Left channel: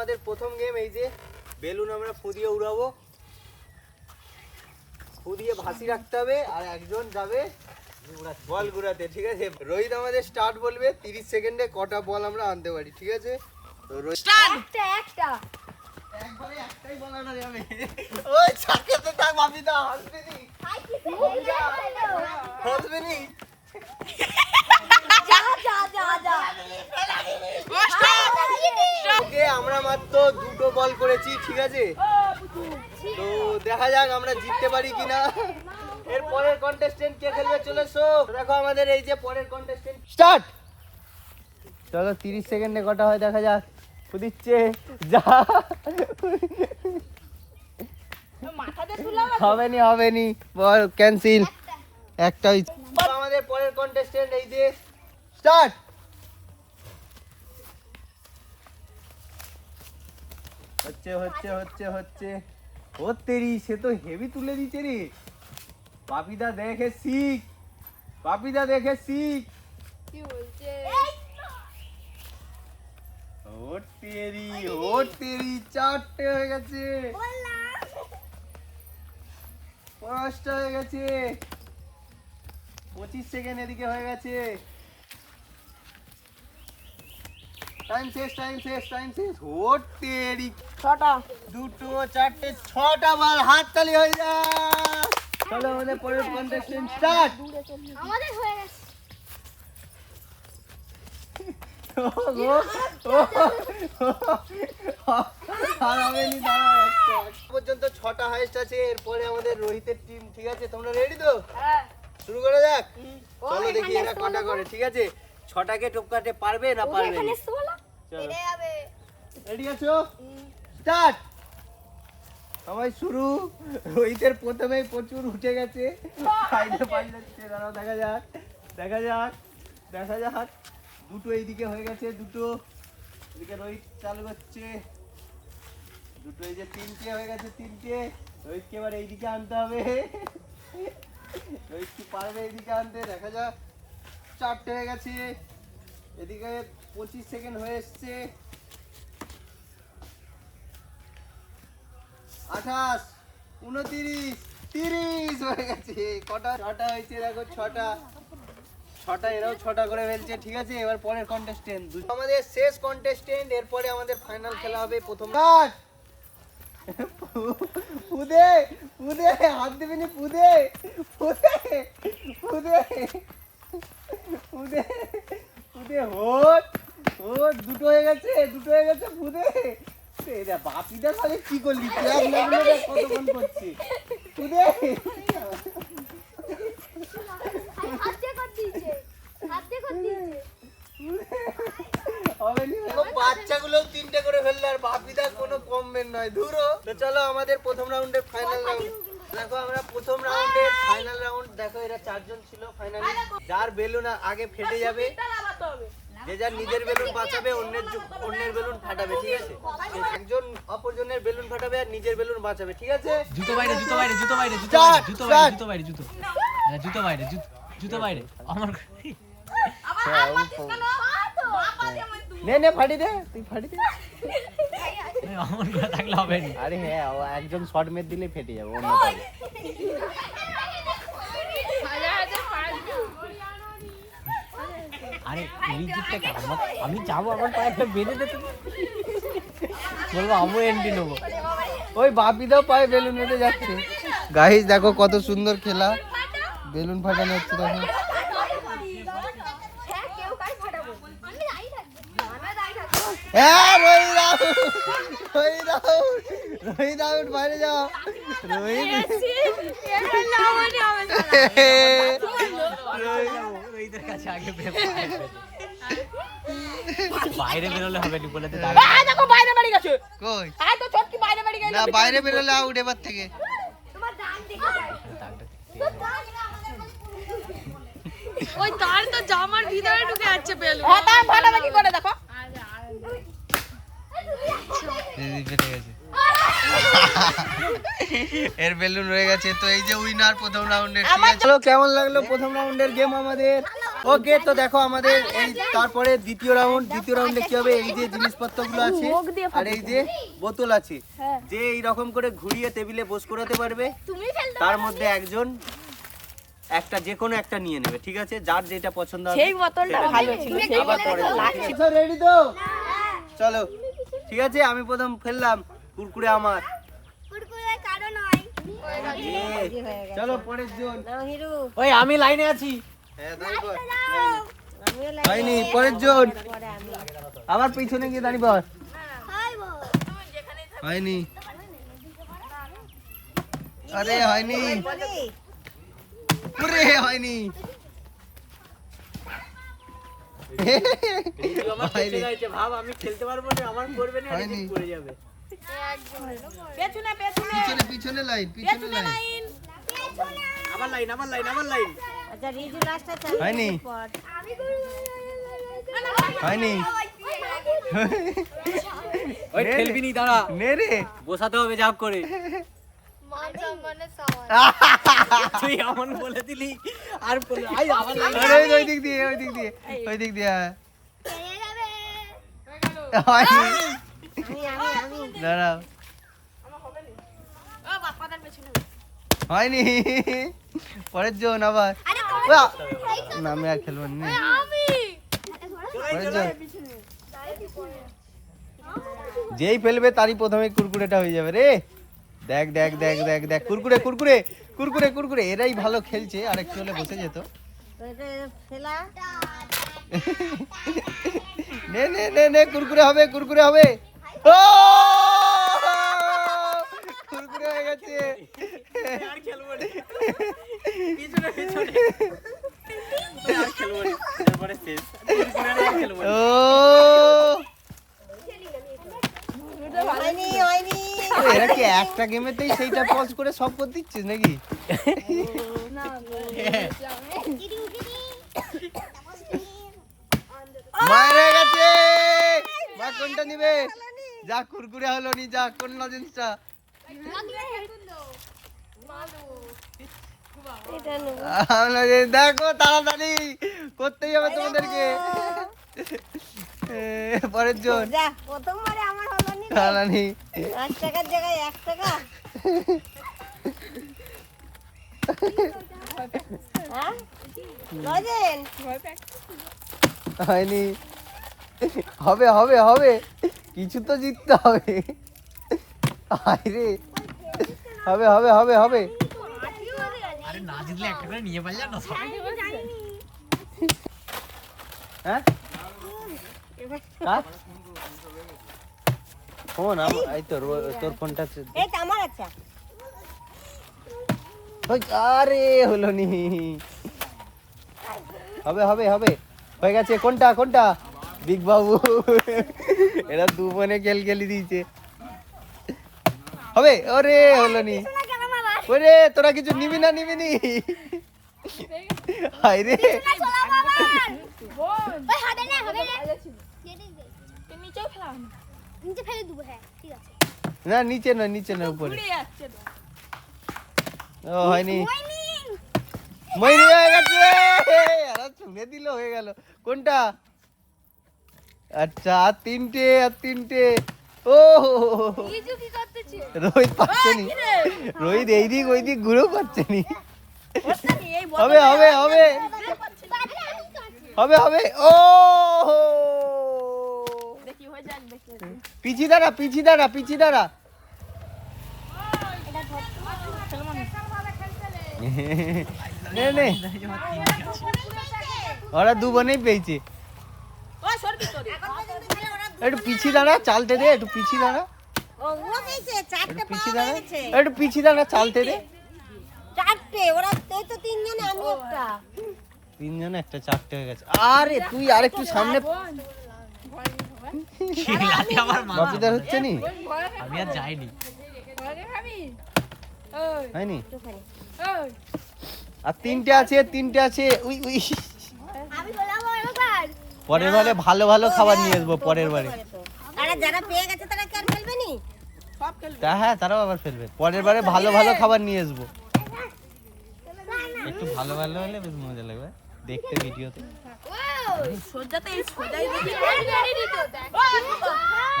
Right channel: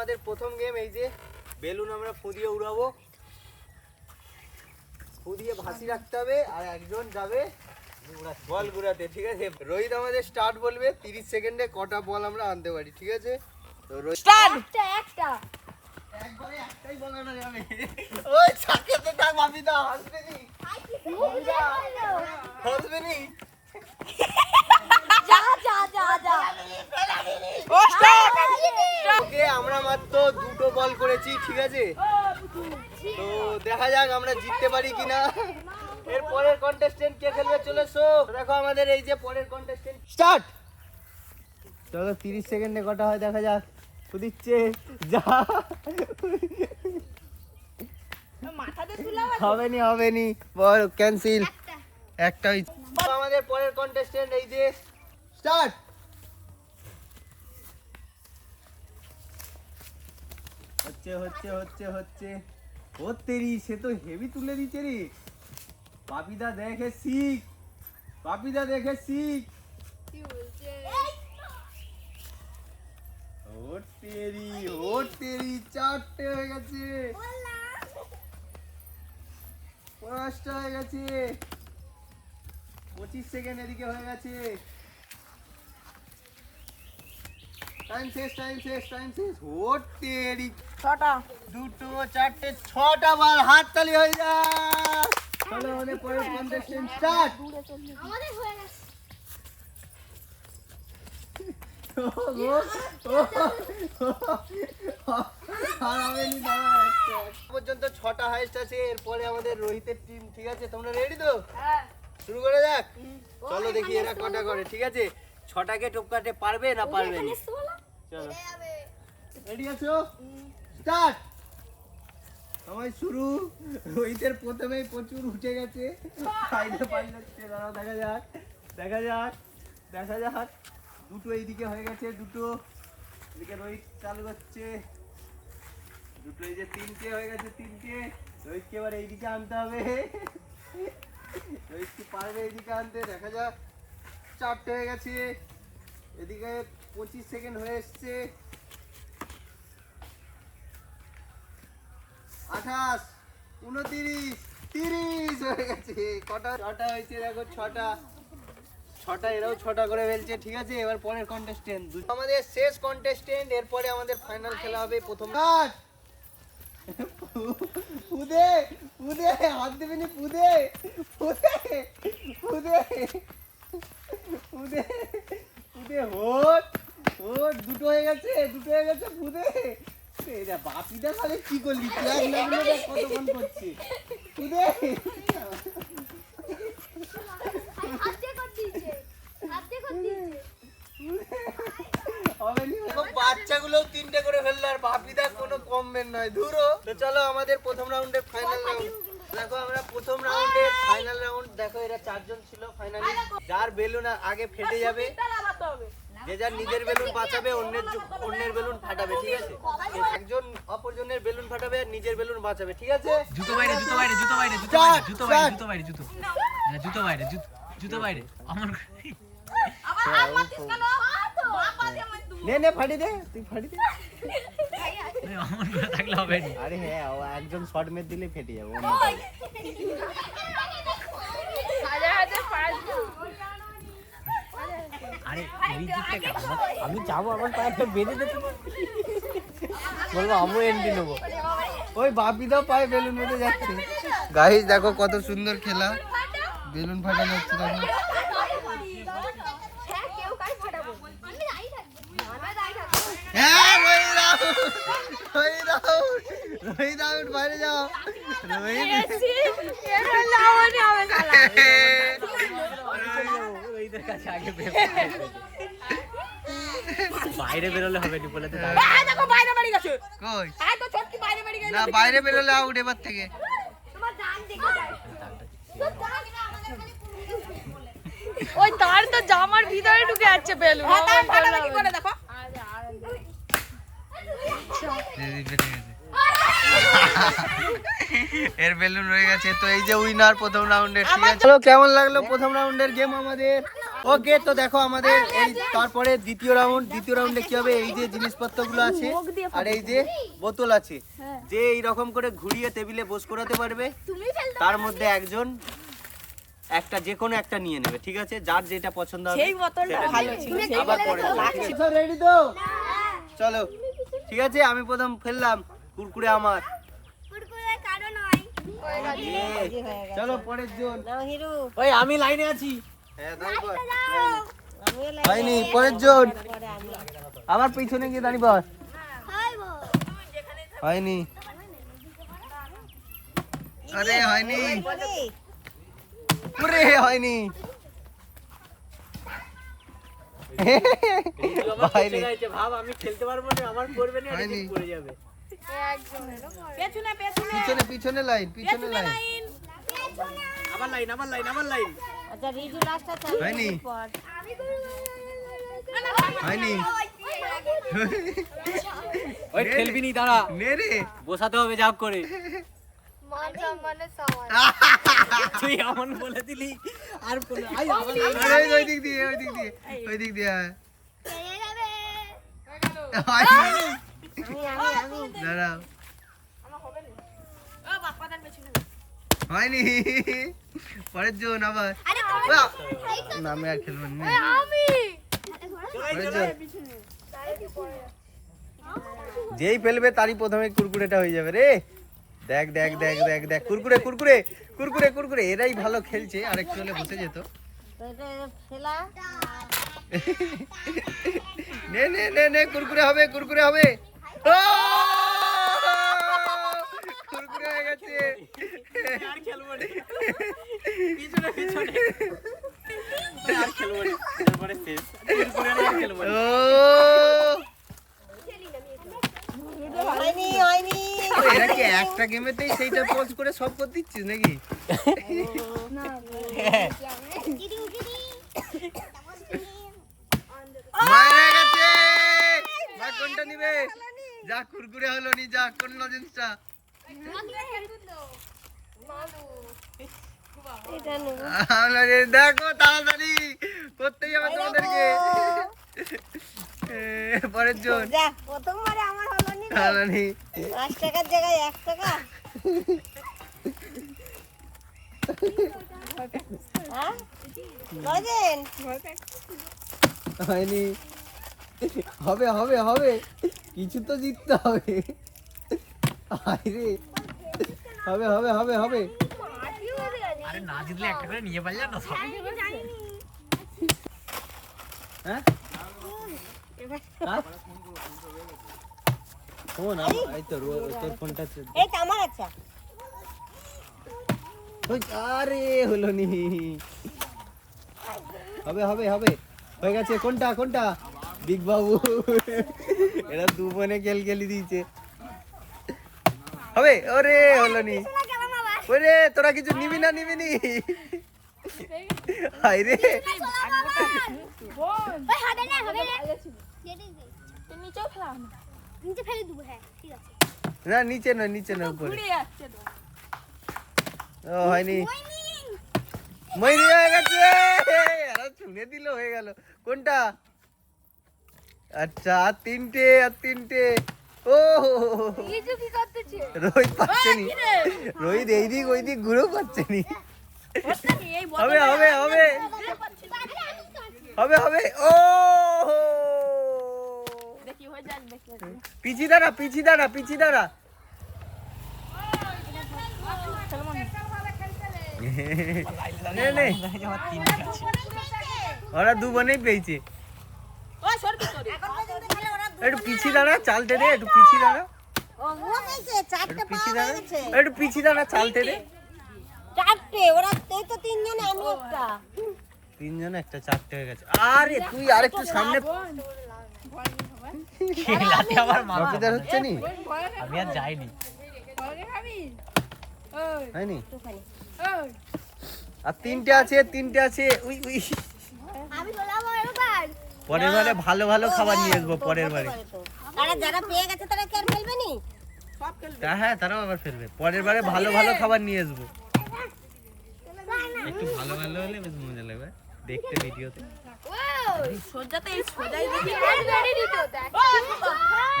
আমাদের প্রথম গেম। এই যে বেলুন আমরা ফু দিয়ে উড়াবো, ফু দিয়ে ভাসি রাখতে হবে আর একজন যাবে বল ঘুরাতে, ঠিক আছে? রোহিত আমাদের স্টার্ট বলবে, 30 সেকেন্ডে কটা বল আমরা আনতে পারি, ঠিক আছে? তো রোহিত স্টার্ট। একবারে একটাই বল আনা যাবে। ওই ছাকেতে থাক বাপিদা, হাসবে নি বাপিদা, হাসবে নি। ওকে, আমরা মাত্র দুটো বল করেছি, ঠিক আছে? তো দেখা যাক আমরা জিততে পারি কিনা। এর পরের কন্টেস্টেন্ট কে খেলবে চলে এসো। দেখো আমাদের এই যে পরের কন্টেস্টেন্ট স্টার্ট। চলো 30 সেকেন্ডে কটা হয় দেখা যাক। দিচ্ছে যা, হবে নি বল ক্যান্সেল। একটাই। আমাদের পরের কন্টেস্টেন্ট এই যে স্টার্ট। হচ্ছে ও তেরি, সে তো হেভি তুলে দিচ্ছে রে। বাপিদা দেখে শিখ, বাপিদা দেখে শিখ। কি বলছে? ও তেরি, চারটে হয়ে গেছে, পাঁচটা হয়ে গেছে, 25 সেকেন্ড এদিকে হয়ে গেছে। টাইম শেষ। ও তেরি, ছটা, দুটো, চারটে, 6টা বল। হাততালি হয়ে যায়। চলো আমাদের পরের কন্টেস্টেন্ট স্টার্ট। আমাদের হয়ে গেছে। পর্যন্ত 6টা হাইস্ট আছে। এরপরে আমাদের রোহিতের টিম, ঠিক আছে? তোমরা রেডি তো? হ্যাঁ, শুরু করে যাক। চলো দেখি এরা কটা করে, ঠিক আছে? 6টাকে টপকাতে পারবে না পারবে না? চলো রেডি আছো? স্টার্ট। সবাই শুরু। রোহিতের প্রথমেই প্রচুর উঠে গেছে, সাইডে পাল্লাচ্ছে। দাঁড়াও দেখা যাক। দুটো এইদিকে হয়ে গেছে, দুটো এদিকে রোহিত চালু করছে। দুটো এই যে 3টে হয়ে গেছে, 3টে। রোহিতকে এবার এইদিকে আনতে হবে। রোহিত কি পারবে এইদিকে আনতে? দেখা যাক। 4টে হয়ে গেছে। এদিকে 25 সেকেন্ড হয়ে এসছে। 28, 29, 30 হয়ে গেছে। কটা? 6টা হয়েছে। দেখো 6টা, এরাও 6টা করে ফেলছে, ঠিক আছে? এবার পরের কন্টেস্টেন্ট, আমাদের শেষ কন্টেস্টেন্ট। এরপরে আমাদের ফাইনাল খেলা হবে। প্রথম পুদে হাত দেবে নি, পুদে দুটো হয়ে গেছে, পুদে। বাপিদা তাহলে কি করলি? কতক্ষণ করছি পুদে। বাচ্চাগুলো 3টে করে ফেললো আর বাপিদা কোনো কমবেন নয়, ধুরো। তো চলো আমাদের প্রথম রাউন্ডের ফাইনাল রাউন্ড দেখো। আমরা প্রথম রাউন্ডের ফাইনাল রাউন্ড দেখো। এরা 4জন ছিল ফাইনালি। যার বেলুন আগে ফেটে যাবে, যে যার নিজের বেলুন বাঁচাবে, অন্যের বেলুন ফাটাবে, ঠিক আছে? একজন অপরজনের বেলুন ফাটাবে আর নিজের বেলুন বাঁচাবে, ঠিক আছে? জুতো বাইরে আমার নে ফাটি দে, তুই ফাটি দে। আমার না থাকলে হবে না। আরে হ্যাঁ, একজন শর্ট মেরে দিলে ফেটে যাবে। আমি যাবো, আমার পায়ে বেঁধে দিতে ওই বাপিদাও পায়ে বেলুন মেরে যাচ্ছে। গাইস দেখো কত সুন্দর খেলা, বেলুন ফাটানো হচ্ছে। দেখো রোহিত আউট, বাইরে যাও। রোহিত বাইরে বেরোলে হবে না বলে কই না, বাইরে বেরোলে আউট এবার থেকে। এর বেলুন রয়ে গেছে। তো এই যে উইনার প্রথম রাউন্ডের, ঠিক আছে? কেমন লাগলো প্রথম রাউন্ডের গেম আমাদের? ওকে, তো দেখো আমাদের এই তারপরে দ্বিতীয় রাউন্ডে কি হবে, এই যে জিনিসপত্রগুলো আছে আর এই যে বোতল আছে, যে এইরকম করে ঘুরিয়ে টেবিলে বস করাতে পারবে, তুমি ফেলতে তার মধ্যে একজন একটা যে কোনো একটা নিয়ে নেবে, ঠিক আছে? যার যেটা পছন্দ হবে সেটা নিয়ে নেবে। আবার পরে রেডি তো? চলো, ঠিক আছে, আমি প্রথম ফেললাম কুরকুরে আমার। কুরকুরে কারো নয়। চলো পরের জন। ওই আমি লাইনে আছি। হ্যাঁ, হয়নি, পরের জন। আবার পিছনে গিয়ে দাঁড়িয়ে পড়। হয়নি, আরে হয়নি, পুরে হয়নি। ভাব আমি খেলতে পারবো না, আমার পড়বে না, পড়ে যাবে। পিছনে পিছনে লাইন, পিছনে লাইন। আবার লাইন, আবার লাইন, আবার লাইন। হয়নি, হয়নি। ওই খেলবি নি, দাঁড়া, নে রে, বসাতে হবে ঝাপ করে। তুই এমন বলে দিলি আর আবার আরে ওই দিক দিয়ে, ওই দিক দিয়ে, ওই দিক দিয়ে। হয়নি, দাঁড়াও, হয়নি। পরের জন আবার। না, আমি আর খেলবো না। যেই ফেলবে তারই প্রথমে কুরকুরেটা হয়ে যাবে রে। দেখ দেখ দেখ দেখ দেখ, কুরকুরে কুরকুরে কুরকুরে কুরকুরে, এরাই ভালো খেলছে, আরেকটু হলে বসে যেত। নে নে নে নে, কুরকুরে হবে, কুরকুরে হবে। ও! কুরকুরে হয়ে গেছে। আর খেলবো না, পিছনে পিছনে আর খেলবো না, তারপরে শেষ। কুরকুরে আর খেলবো না। ও! এরা কি একটা গেমেতেই সেইটা পজ করে সব করতে দিচ্ছিস নাকি? মারা গেছে। মা কোনটা নিবে? যা কুরকুরে হলো নি, যা কোন লজেন্সটা? দেখো তাড়াতাড়ি করতেই হবে তোমাদেরকে। পরের জন। প্রথমবারে আমার হলো নি। খালানি 5 টাকার জায়গায় 1 টাকা। হ্যাঁ? লজেন। হয়নি। হবে হবে হবে, কিছু তো জিততে হবে। আরে হবে হবে হবে হবে। আরে না জিতলে একটা করে নিয়ে পারলে না সব। হ্যাঁ, ফোন এই তোর ফোনটা। এই তো আমার আছে। আরে হলো নি। হবে হবে হবে, হয়ে গেছে। কোনটা কোনটা? বিগ বাবু। এরা দু বোনে খেলি দিয়েছে। হবে, আরে হলো নি। ওরে তোরা কিছু নিবি না, নিবি নি। হায়রে, ওই হবে না, হবে না। তুমি নিচেও ফেলাও না। নিচে ফেলে দেবো, হ্যাঁ ঠিক আছে। না নিচে না, নিচে না, উপরে। ঘুরে যাচ্ছে তো। ও হয়নি, মইনি হয়ে গেছে। এরা শুনে দিল, হয়ে গেল। কোনটা? আচ্ছা, আর তিনটে, আর তিনটে। ও কিছু কি করতেছি? রোহিত পাচ্ছে নি, রোহিত এইদিক ওইদিক ঘুরেও পাচ্ছে নি। হবে হবে হবে হবে হবে। ও দেখি হয়ে যাক, দেখি। পিছি দাঁড়া, পিছি দাঁড়া, পিছি দাঁড়া। নে নে, ওরা দু বোনেই পেয়েছে। ও সরবি তোর। এখন পর্যন্ত খেলে ওরা একটু পিছি দাঁড়া, চালতে দে, একটু পিছি দাঁড়া, ও পেয়েছে, চারটে পিছি পাওয়া দাঁড়া, গেছে। একটু পিছি দাঁড়া, চালতে দে। চারটে, ওরা এই তো তিনজনে, আমি একটা। তিনজন একটা, চারটে হয়ে গেছে। আরে তুই আরেকটু সামনে। খেলাতে আমার মাথা মাথাটা হচ্ছে নি, আমি আর যাইনি। হয়নি। একটুখানি। আর তিনটে আছে, তিনটে আছে। উই উই, আমি বললাম এবার। পরের বারে ভালো ভালো খাবার নিয়ে আসবো, পরের বারে। আরে যারা পেয়ে গেছে তারা কি আর খেলবে নি? সব খেলবে। হ্যাঁ, তারাও আবার ফেলবে। পরের বারে ভালো ভালো খাবার নিয়ে আসবো। একটু ভালো ভালো হলে বেশ মজা লাগবে। দেখতে ভিডিওতে সোজাতে এই সোজাই দেখি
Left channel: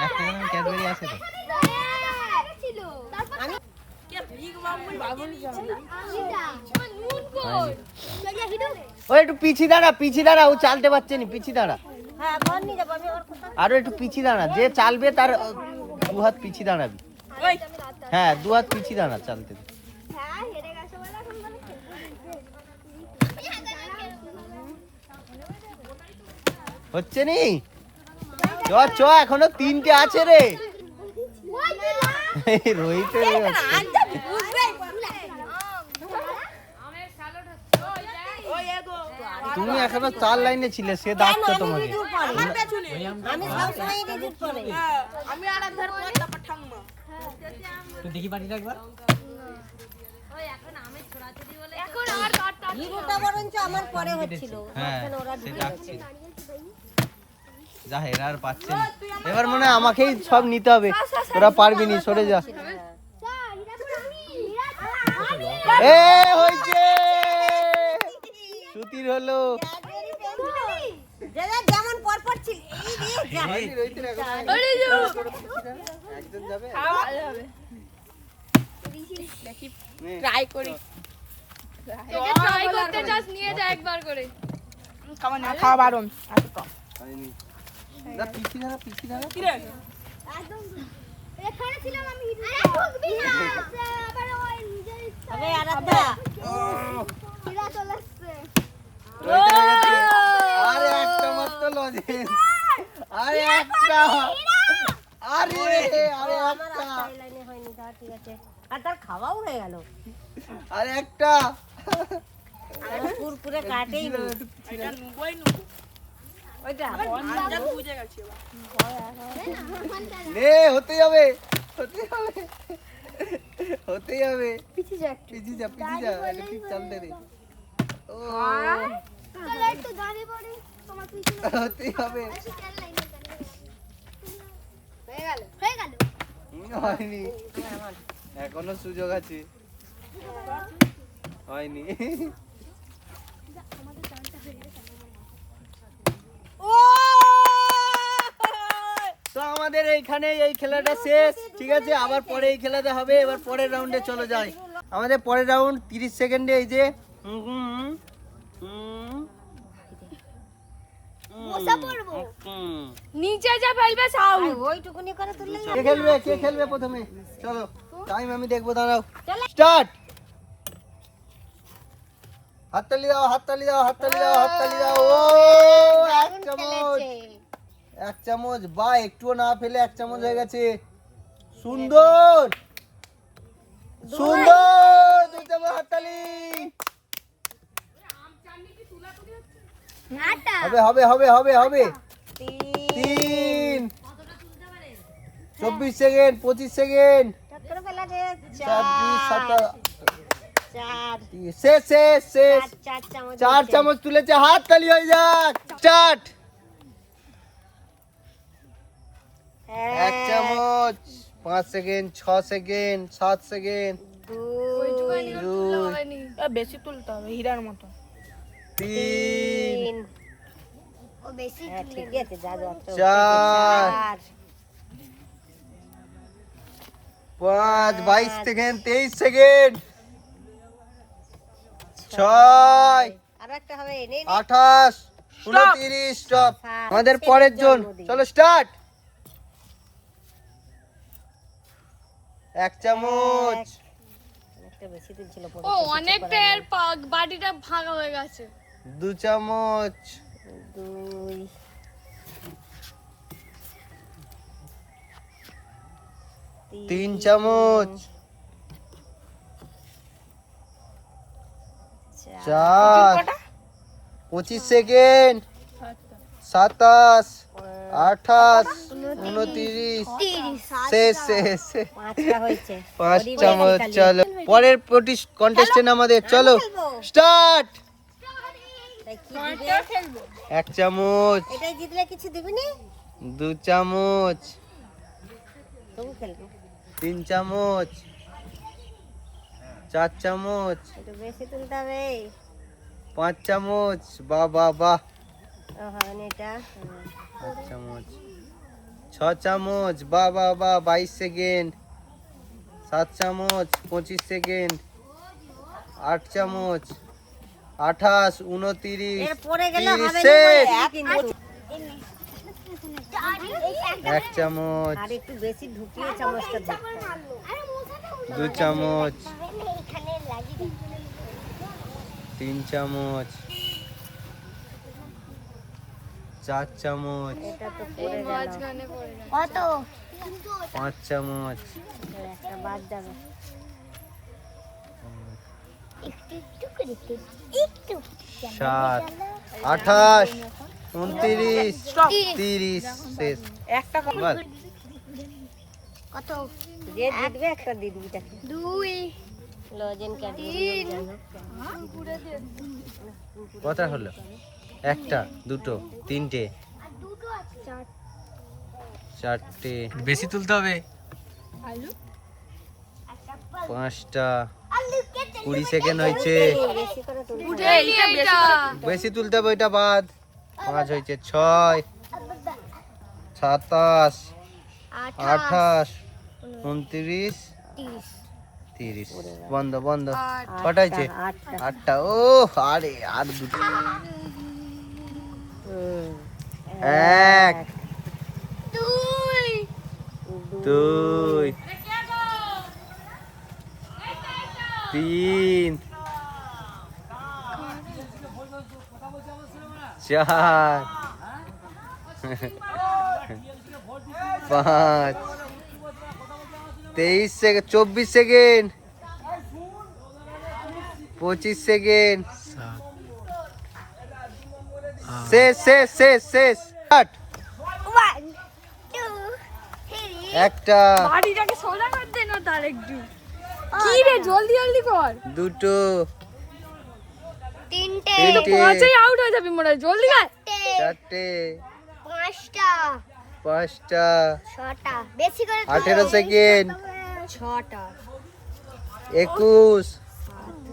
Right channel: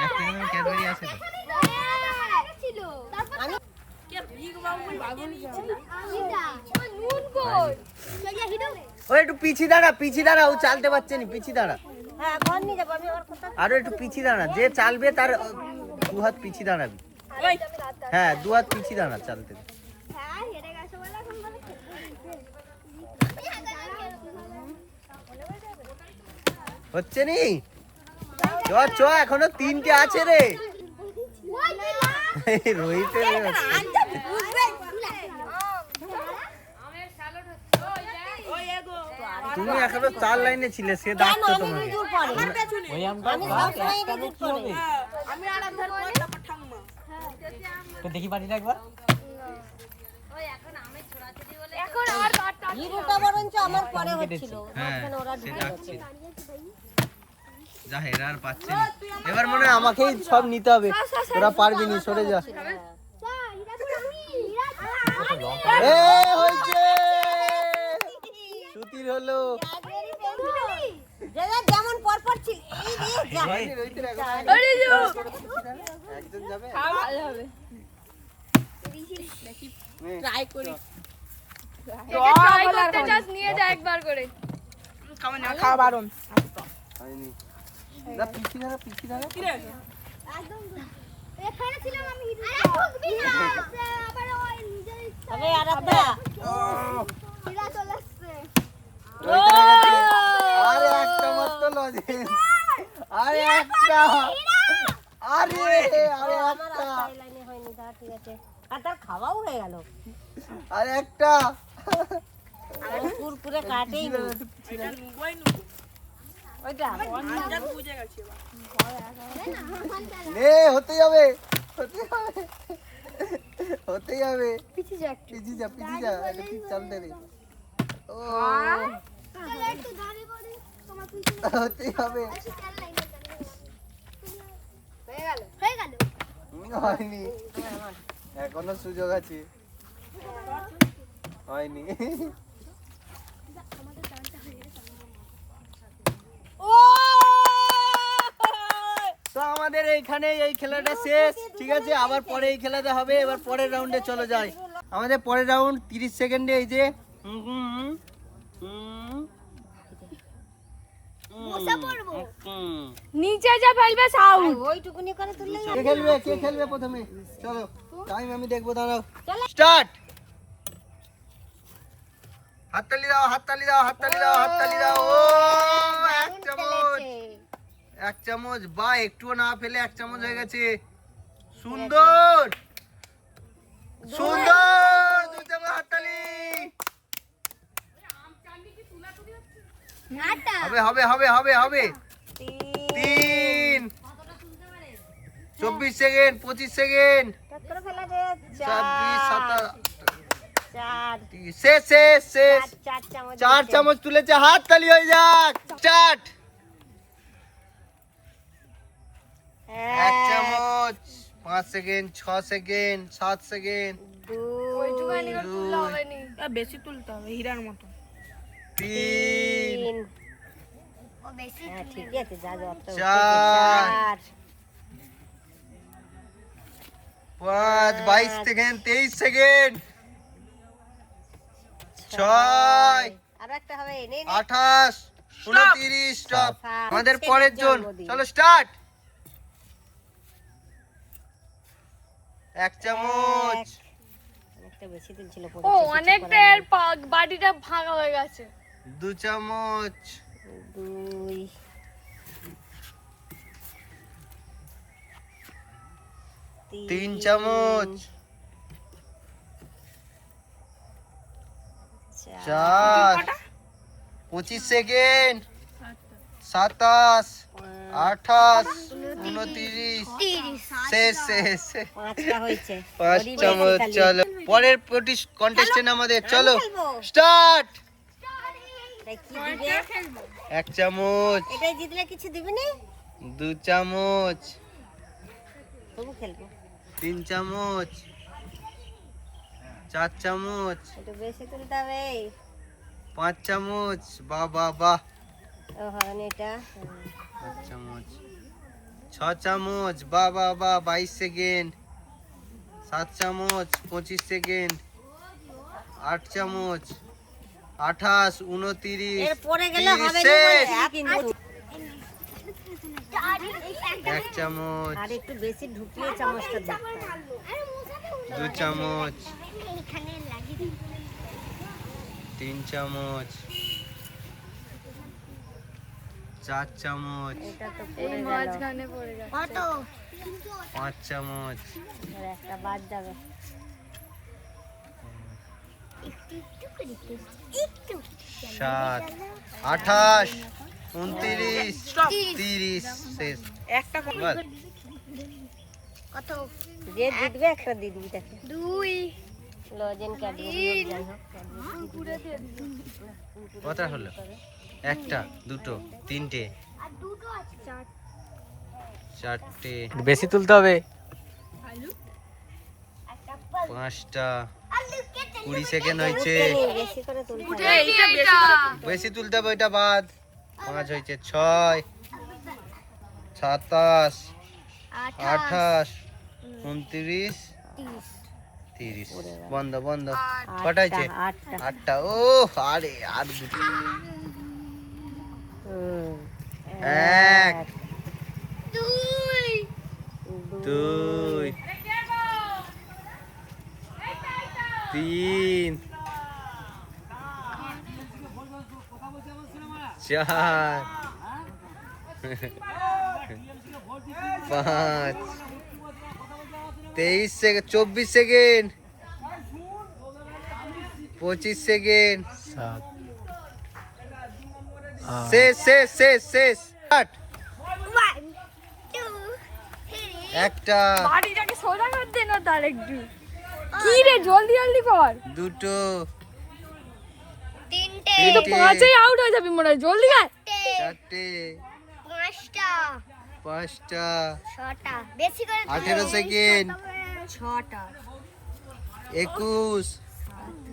একটা করে ক্যাডবেরি আছে তো ছিল তারপর কে বিগ বাবুল ওই একটু পিছি দাঁড়া ও চালতে পারছে না পিছি দাঁড়া আরো একটু পিছি দাঁড়া যে চালবে তার দু হাত পিছি দাঁড়াবে ওই হ্যাঁ দু হাত পিছি দাঁড়া চালতে হ্যাঁ হেরে গেছে বলে এখন বলে খেলবো হচ্ছে নি চ এখনো 3টে আছে রে রোহিত ওই এগো তুমি এখনো 4 লাইনে ছিলে সে দাঁড়াচ্ছে তোমার আমার পেছনে আমি সবসময় রিজুট করে আমি আর আধার পর তারপর ঠাম্মা তো দেখি পারি না একবার রিজুটটা বরঞ্চ আমার পরে হচ্ছিল হ্যাঁ মাঝখানে ওরা সে ঢুকে ডাকছে গেছে যা এরা আর পাচ্ছে না এবার মনে হয় আমাকেই সব নিতে হবে ওরা পারবি নি সরে যা এ হইছে সুতির হলো যে যেমন পরপর ছিল এই রে যা হয়নি রোহিতের এখন একজন যাবে নে। ট্রাই করি ট্রাই করতে চাস নিয়ে যা একবার করে খাওয়া না খাওয়া বারণ হয়নি না পিছি দাঁড়া কি রে একদম এখানে ছিলাম আমি হিরো ঢুকবি না আবার ওই নিজের ইচ্ছা আরে আরাধ্যা হিরা চলে আসছে রোহিতের হয়ে গেছে আরে একটা মাত্র লজে আরে একটা আরে একটা লাইনে হয়নি তা ঠিক আছে আর তার খাওয়াও হয়ে গেল আরে একটা কুরকুরে কাটেই নি এটা নুবই নুবো ওইটা আঞ্জাদ বুঝে গেছে এবার নে হতে যাবে পিছিয়ে যা পিছি যা এটা ঠিক চালতে রে ও তাহলে একটু গাড়ি বাড়ি তোমার পিছনে হতে যাবে আসি চাল লাইনে হয়ে গেল হয়নি এখনো সুযোগ আছে হয়নি আমাদের টানটা হয়ে গেছে ও তো আমাদের এইখানে এই খেলাটা শেষ ঠিক আছে আবার পরে এই খেলাটা হবে এবার পরের রাউন্ডে চলে যাই আমাদের পরের রাউন্ড 30 সেকেন্ডে এই যে বসা পড়বো নিচে যা ফেলবে সাউন্ড ওইটুকুনি করে তুললে কে খেলবে প্রথমে চলো টাইম আমি দেখবো দাঁড়াও স্টার্ট হাততালি দাও ও এক চামচ বা একটুও না ফেলে 1 চামচ হয়ে গেছে সুন্দর 2 চামচ হাততালি নাটা হবে 3 24 সেকেন্ড 25 সেকেন্ড 26 27 শেষ 4 চামচ তুলেছে হাত তালি হয়ে যাক স্টার্ট 1 চামচ 5 সেকেন্ড 6 সেকেন্ড 7 সেকেন্ড 2 বেশি তুলতে হবে হীরার মতো 3 ও বেশি ঠিক আছে যা যা 4 5 22 সেকেন্ড 23 সেকেন্ড 6 আর একটা হবে নে 28 29 স্টপ আমাদের পরের জন চলো স্টার্ট 1 চামচ অনেকটা বেশি দিন ছিল ও অনেকটা এর বাটিটা ভাঙা হয়ে গেছে 2 চামচ 2 3 চামচ 4 25 সেকেন্ড 27 28 29 শেষ পাঁচটা হয়েছে 5 চামচ চলো পরের কন্টেস্টেন্ট আমাদের চলো স্টার্ট তাই কি দিবে 1 চামচ এটা জিতলে কিছু দিবি না 2 চামচ তবু খেলবো 3 চামচ 4 চামচ একটু বেশি তুলতে হবে 5 চামচ, বাহ বাহ বাহ। ও হবে না এটা 5 চামচ, 6 চামচ, বাহ বাহ বাহ, 22 সেকেন্ড। 7 চামচ, 25 সেকেন্ড। 8 চামচ, 28, 29, এর পরে গেলে হবে না 30, কিন্তু 1 চামচ, আর একটু বেশি ঢুকিয়ে চামচটা দাও 2 চামচ, 3 চামচ, 4 চামচ, এটা তো পড়ে গেল কত 5 চামচ, একটা বাদ যাবে 7, 28, 29, 30, শেষ। বাস। কত যে দিবে একটা দিয়ে দিবি তাকে 2 লজেন 3 কটা হলো? একটা, দুটো, তিনটে, আর দুটো আছে 4টে, বেশি তুলতে হবে। 5টা, 20 সেকেন্ড হয়েছে। বেশি করে তুলতে বেশি তুলতে হবে, ওইটা বাদ। 5 হয়েছে, 6, 27, 28, 29, 30। বন্ধ বন্ধ। কটা হয়েছে? 8টা 8টা। ও আরে আর দুটো। 1, 2, 3, 4, 5, 23 সেকেন্ড, 24 সেকেন্ড, 25 সেকেন্ড। শেষ শেষ শেষ শেষ। কাট। 1 2 3 একটা, বাড়িটাকে সোজা করতে না তার একটু কি রে জলদি জলদি কর দুটো, 3টে তিনটে, পাঁচেই আউট হয়ে যাবি মনে হয় জলদি কর 4টে, 5টা 5টা, 6টা বেশি করে 18 সেকেন্ড, 6টা 21,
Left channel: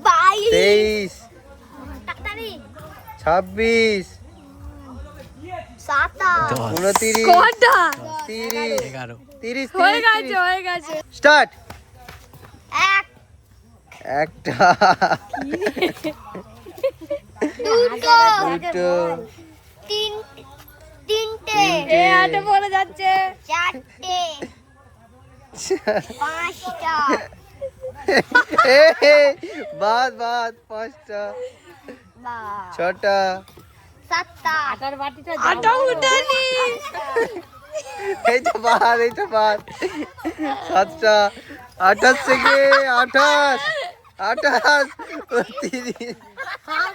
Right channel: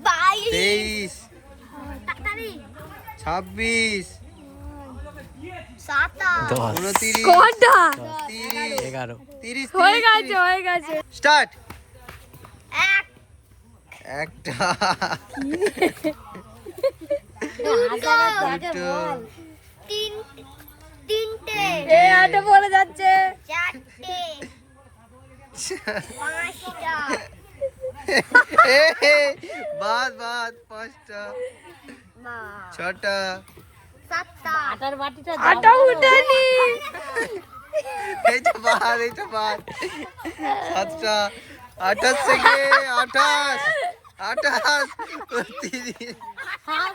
22 23, তাড়াতাড়ি 26, 27 29, কটা 30, 11 30, হয়ে গেছে হয়ে গেছে স্টার্ট। 1 একটা, 2 দুটো, 3টে এ আটে পড়ে যাচ্ছে 4টে 5টা বাদ বাদ, 5টা, 6টা, 7টা আটার বাটিটা আটা উঠেনি এইটা বাদ, এইটা বাদ, 7টা, 28 সেকেন্ড, 28, 28, 30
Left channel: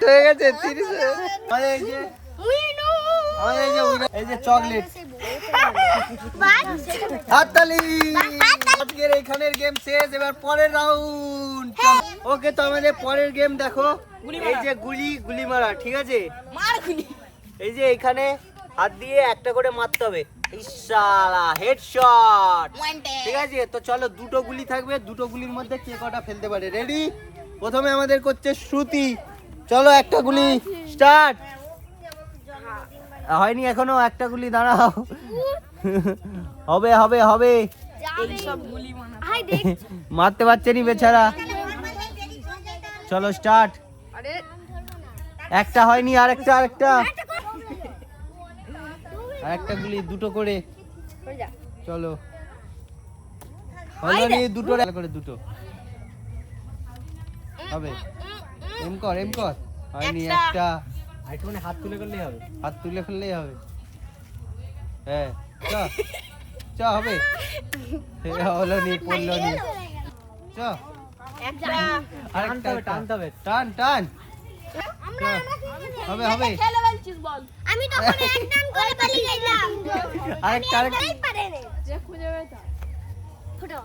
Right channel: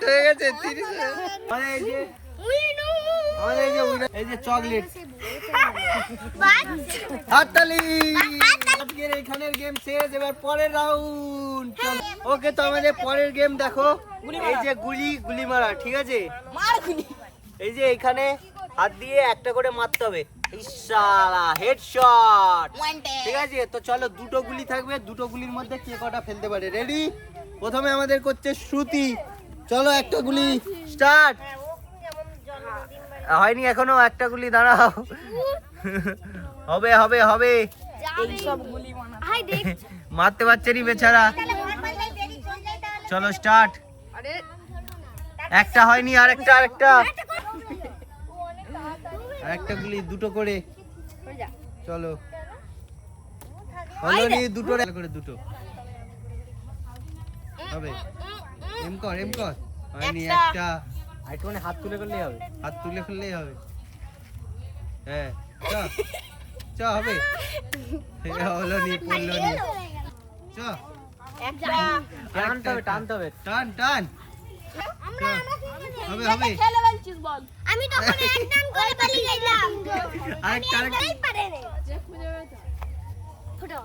হয়ে গেছে, 30। মানে এই যে আমাদের এই যে চকলেট। হাততালি। আজকের এইখানের গেম শেষ, এবার পরের রাউন্ড। ওকে, তো আমাদের পরের গেম দেখো, এই যে গুলি মারা, ঠিক আছে? এই যে এইখানে হাত দিয়ে একটা করে মারতে হবে, ইশালা হেডশট, ঠিক আছে? তো চলো, দুটো গুলি থাকবে, দুটো গুলির মধ্যে কে কটা ফেলতে পারে। রেডি? প্রথমে আমাদের করছে শ্রুতি। চলো, একটা গুলি স্টার্ট। হয়নি এখনো, একটা গুলি, দাঁড়াও। হবে হবে হবে, হাই দেখ মারতে পারছে নি বেচারা। চলো স্টার্ট। আরে একটা হয়নি, আরেকটা আরেকটা আরেকটা গুলি, দুটো করে। চলো, হয়নি, দুটো করে, দুটো হবে। এম কর, এম কর। হয়নি, একটা। একটুখানি হাত তুলে করলেই হবে। হাত তুলে ফেললেই হবে। হ্যাঁ, চ চ, হবে। হলো নি, পড়লো নি। চ, আরেকটা, টানতে হবে। টান টান। চ, হবে হবে। আমি তখন একদম করে পালিয়ে গেলাম আরেকটা আরেকটা। এই পারে রে যে খুঁজে বেটা ফুটো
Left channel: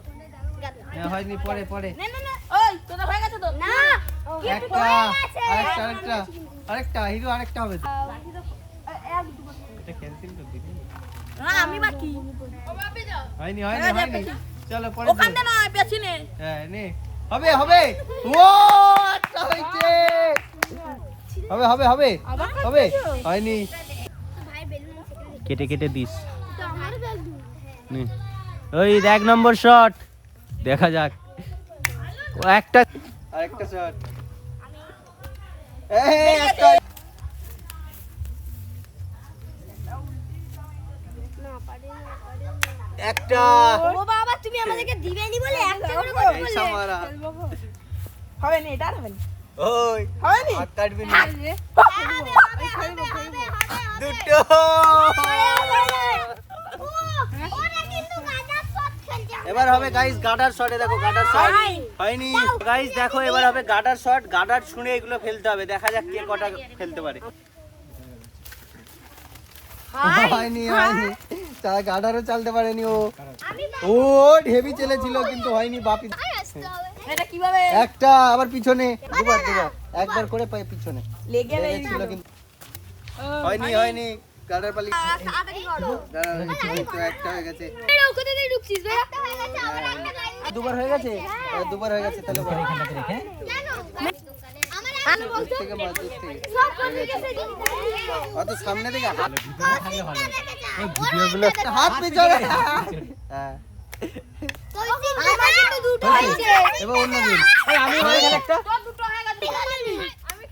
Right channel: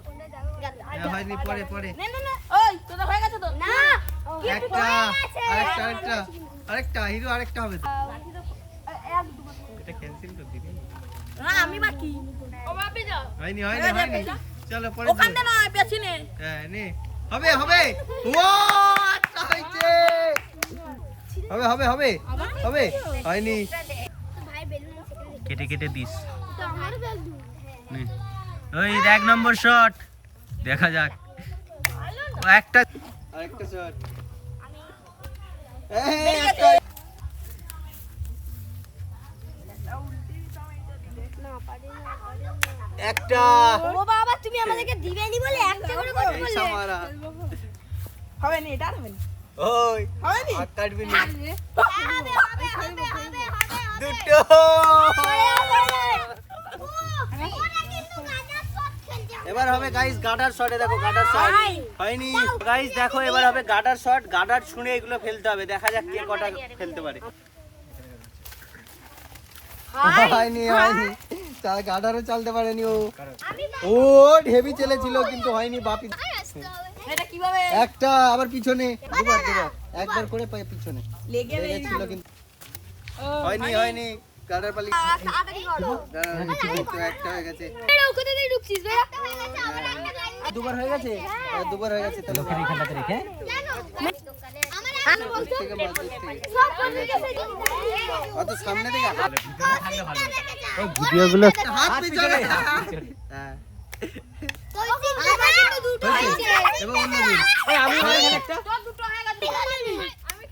হ্যাঁ, হয়নি, পরে পরে। না ওই তোদের হয়ে গেছে তো না একটা, আরেকটা আরেকটা আরেকটা, হিরো আরেকটা হবে তো। এটা ক্যান্সেল করে দিবি। আমি বাকি হয়নি হয়নি হয়নি। চলো পরে। ওখানে না পেছনে হ্যাঁ, নে। হবে হবে। ও, একটা হয়েছে। হবে হবে হবে হবে হয়নি ভাই বেলুন কেটে কেটে দিস তো আমার বেলুন নে। ওই 1 নম্বর শট দেখা যাক ও একটা আরেকটা শট এই একটা না পারি না একটা ও বাবা তুমি আমাদেরকে দিবেনি বলে একটা করে এই বললে সামারা হবে না এটা হবে না ওই হয়নি? হাত কাটবি না হবে হবে হবে হবে দুটো ওরা কিন্তু গানা শট খেলছে এবার হবে গাইস গাডার শটে দেখো গাডার শট হয়নি গাইস দেখো এবার হবে গাডার শট গাডার ছুঁড়ে এগুলো ফেলতে হবে দেখা যাক কে কটা ফেলতে পারে হয়নি হয়নি তারা গাডারও চালতে পারেনি ও ও হেভি চলেছিল কিন্তু হয়নি বাপি এটা কিভাবে একটা আবার পিছনে দুবার দুবার একবার করে পায় পিছনে লেগে লেগেছিল কিন্তু হয়নি হয়নি গাডার পালি তাড়াতাড়ি করো গাডার কিন্তু একটা হয়ে গেছে এরা কোথা থেকে ঢুকছিস বে একটা হয়ে গেছে আবার একটা লাইন দুবার হয়ে গেছে দুবার হয়ে গেছে তাহলে বল। জানো আমার বলতো থেকে মাছ দূর থেকে সব করে গেছে অত সামনে থেকে হাত ভিডিওগুলো হাত পিছনে হ্যাঁ কই আমার তো দুটো হয়েছে এবার অন্য দিন তোর দুটো হয়ে গেছে আমি